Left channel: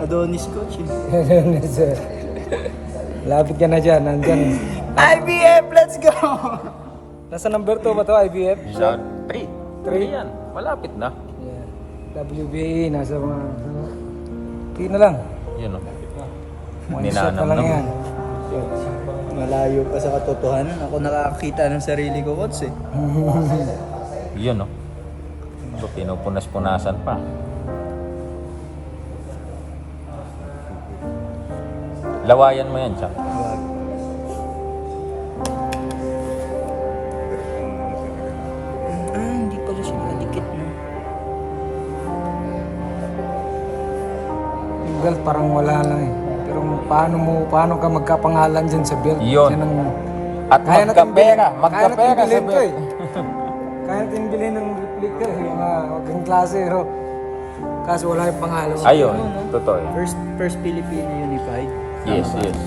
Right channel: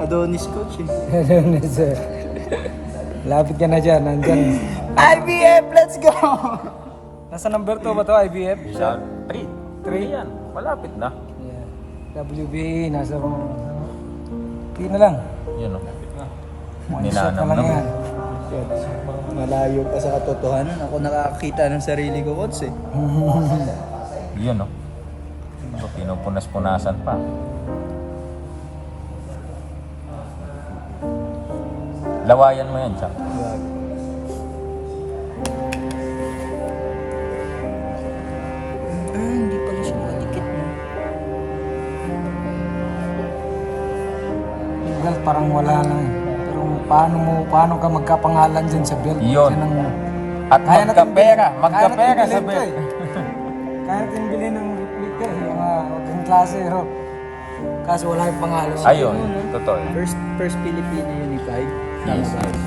Adonis coach eh. Sir. Lapit ka na dyan, nandyan. IBF, let's go! Nasa number 2 ba to, IBF? Sa 3. 3? Yan, malapit na. Yeah. WBA, nasa mga... Tingin na lang. Yun o. One shot pa lang yan. Malayo pa sa katotohanan. Ako nakakita ng sarili ko coach eh. Yun o. So, pinupunas-punasan pa. Lawayan mo yan, Chak. Wag. Hindi pala siya malikit no. Yung belt parang wala lang eh. Pero paano ka magkapangalan dyan sa belt? Yun. Yan ang... At Kaya natin magkapera. Kaya natin bilhin to eh. Kaya natin bilhin ng replica eh. Yung mga magandang klase. Pero kaso wala yung pangalan. Ayun, no? totoo. First Filipino unified. Yes, yes.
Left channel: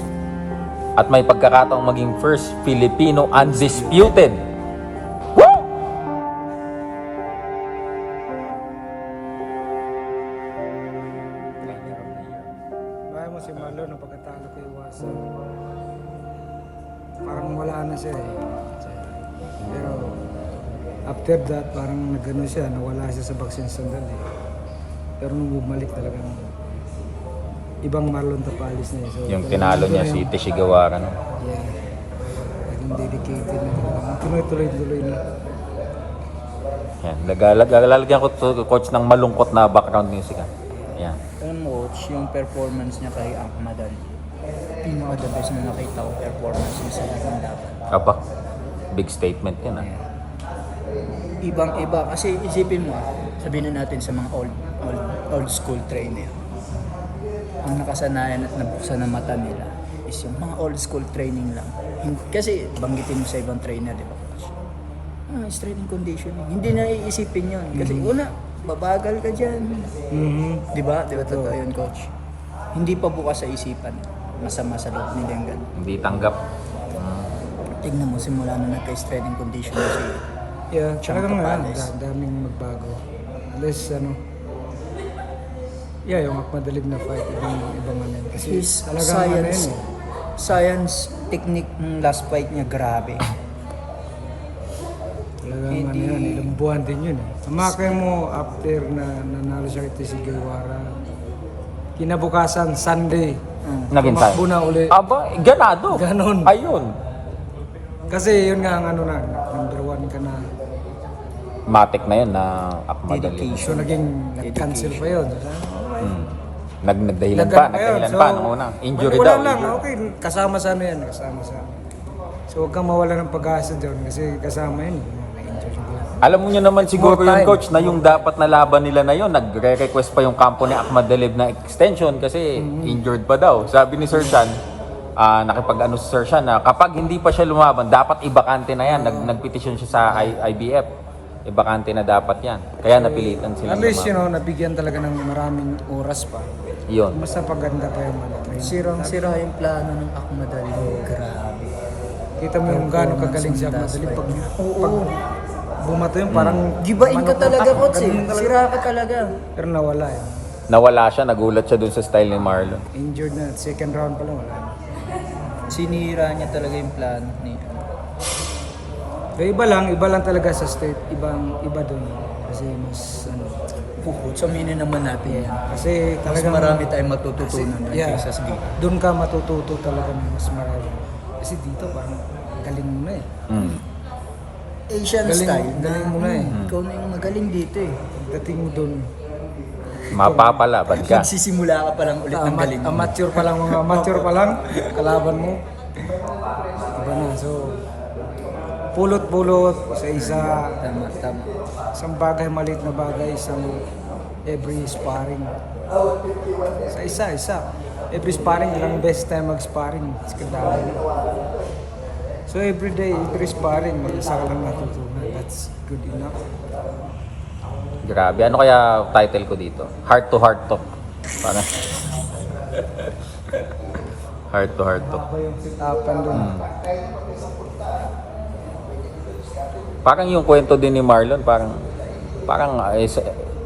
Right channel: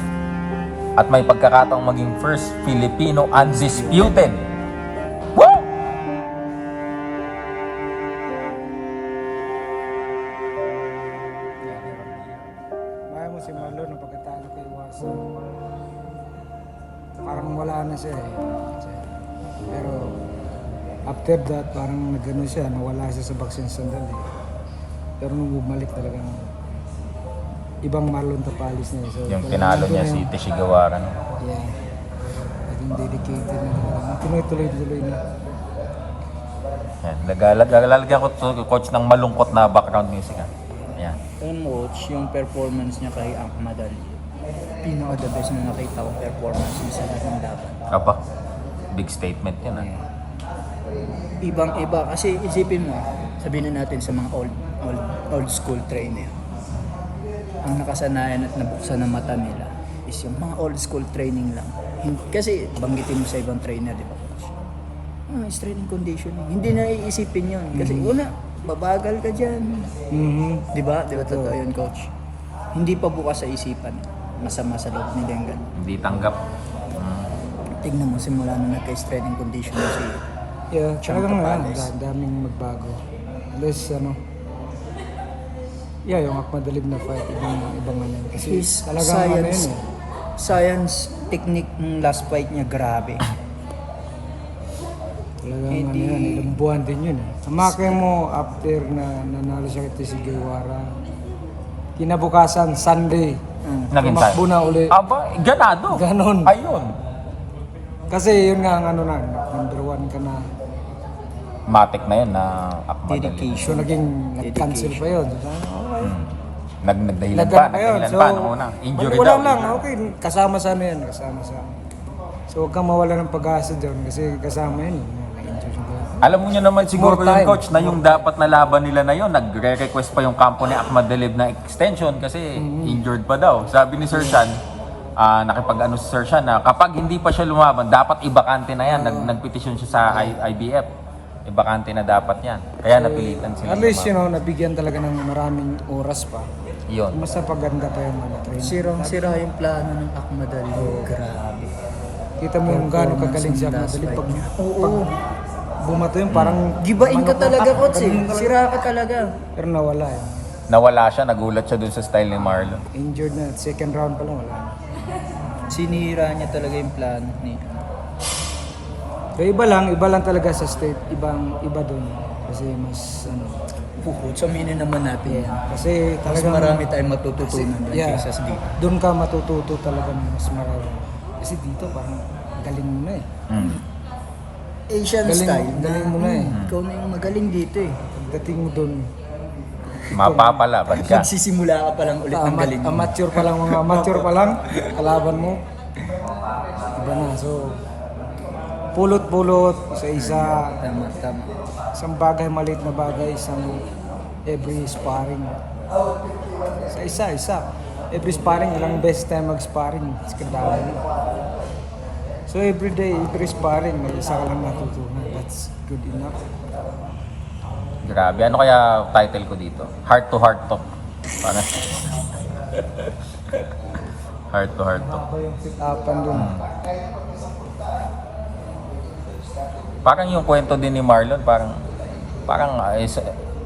At may pagkakataong maging first Filipino undisputed. Kaya mo si Marlon ng pagkatalo kay Iwasan. Parang wala na siya eh. Pero after that parang nagano siya, nawala siya sa boxing sandali. Pero nung bumalik talagang ibang Marlon Tapalis na eh. So, Yung talagang tinalo nandun niya na si yung- Tishigawaran. Yeah. Naging dedicated na talaga. Tuloy-tuloy na. Yan. Lalagyan ko to, coach ng malungkot na background music. Yan. Ito coach, yung performance niya kay Ahmad Ali. Pinaka the best na nakita ko performance niya sa lahat ng laban. Aba, big statement yan. Ah. Ibang-iba kasi isipin mo, sabihin na natin sa mga old school trainer. Ang nakasanayan at nabuksan ng mata nila is yung mga old school training lang. Kasi banggitin mo sa ibang trainer, di ba coach? Strength and conditioning. Hindi na iisipin yun. Kasi una, babagal ka dyan. Di ba? Di ba totoo yun coach? Hindi pa bukas sa isipan. Masama sa loob nila yung ganun. Hindi tanggap. Tignan mo, simula na nagka-strength and conditioning si Yeah, talagang Tapalis. daming magbago. Unless yung Akmadalib na fight, ibang ano yun. Kasi his talagang ano yun science, eh. science technique ng last fight niya grabe. Talagang Hindi- ano yun, ilang buwan din yun eh. Amakay mo after na nanalo siya kay Tishigawa, kinabukasan, Sunday, Naging tumakbo na uli. Aba, ganado. Ganon. Ayun. Kasi yun nga ang ano na, number 1 ka na. Matik na yun na Akmadali. Dedication. So naging nag-cancel pa yun. So, sabi, okay. Nagdahilan pa. Nagano pa yun. Nagdahilan So, pa. Muna. Injury wala daw. lang. Injury. Okay, kasama sana yan. Kasama sana. So huwag kang mawala ng pag-asa dyan kasi kasama yun. Na-injure yung glass. Alam niyo naman siguro more yung time. coach na yung dapat na laban nila na yun, nagre-request pa yung kampo ni Akmadalib na extension kasi injured pa daw. Sabi ni Sir Shan, nakipag-ano si Sir Shan na kapag hindi pa siya lumaban, dapat ibakante na yan. Nagpetisyon siya sa IBF. Ibakante na dapat yan. Kaya napilitan sila. At least, nabigyan talaga ng maraming oras pa. Yun. Mas napaganda pa yung mga training. Sirang-sira yung plano ng Ahmad Ali. Grabe. Kita mo yung gano'ng kagaling siya madali. Pag bumato yun, parang Gibain ka talaga coach eh. Ganun talaga. Sira ka talaga. Pero nawala eh. Nawala siya, nagulat siya dun sa style ni Marlon. Injured na. Second round pa lang wala na. Sinira niya talaga yung plano ni Pero iba lang talaga sa state. Iba dun. Kasi mas Pukot. So aminin naman natin yan. kasi Mas talagang marami tayong matututunan yeah, kaysa sa dito. doon ka matututo talaga ng mas marami. Kasi dito parang galing mo na eh. Asian Galing- style. galing mo na eh. Ikaw na yung magaling dito eh. Pagdating mo doon, Mapapalaban siya. Magsisimula ka pa lang ulit ng galing mo. amateur pa lang, kalaban mo. Iba na. So, pulot-pulot sa Tama. isang bagay, maliit na bagay, isang every sparring. Sa isa. Every sparring, ilang beses tayo mag-sparring. Kadami na. So every day, every sparring, may isa ka lang natutunan. That's good enough. Grabe. Ano kaya title ko dito? Heart to heart talk. Parang heart to heart talk. Ako yung pick-upan doon. Parang yung kwento din ni Marlon, parang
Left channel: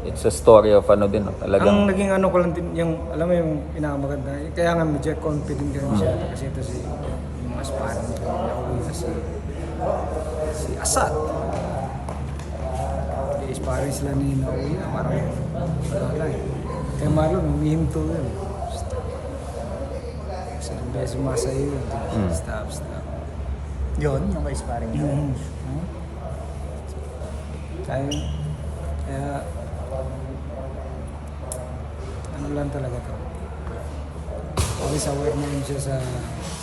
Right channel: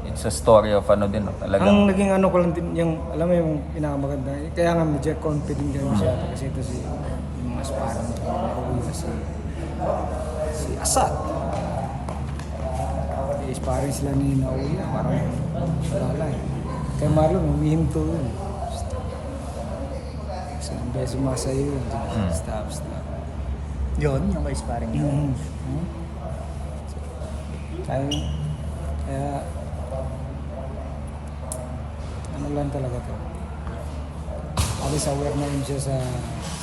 It's a story of ano din, no? Talagang Ang naging ano ko lang din, yung, alam mo yung pinakamaganda, kaya nga medyo confident kami masyado kasi ito si, yung mas parang nauwi si Asad. Parang sila ni Nauya, parang wala eh. Kay Marlon, umihinto yun. Kasi ang beso sumasayo yun. Stop. Yun, yung ka-sparring niya. Kaya, ano lang talaga to. Always aware na rin siya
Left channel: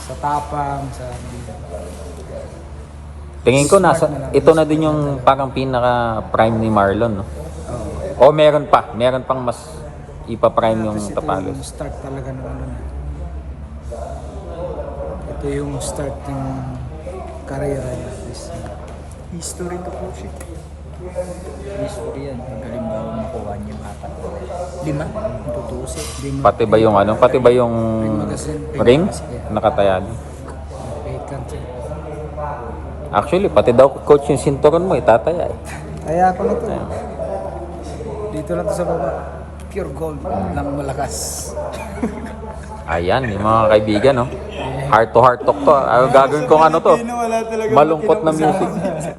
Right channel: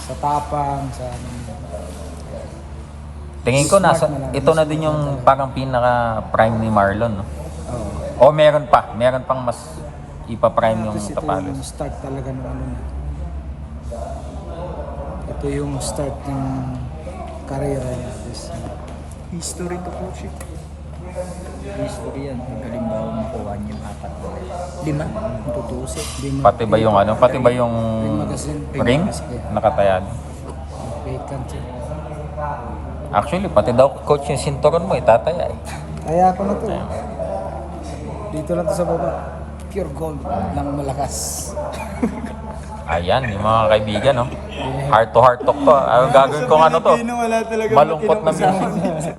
sa tapang, sa ano nila. tingin ko Smart nasa na lang. ito na din yung Smart na lang. parang pinaka prime ni Marlon, no? Oo. O meron pang mas ipa-prime yung Tapos ito yung Tapalos. start talaga ng ano niya. Ito yung start ng karera niya. History to coach eh. History yan. Pag halimbawa makuha niya yung 4 na 5, tutusin. Pati ba yung ano, pati ba yung Ring magazine. rim Yeah. nakatayan? Vacant siya. Actually, pati daw coach yung sinturon mo, itataya. Kaya ako na to. Dito lang to sa baba. Pure gold lang malakas. Ayan, yung mga kaibigan, no? Heart to heart talk to. Gagawin kong ano to. Wala talaga Malungkot na music.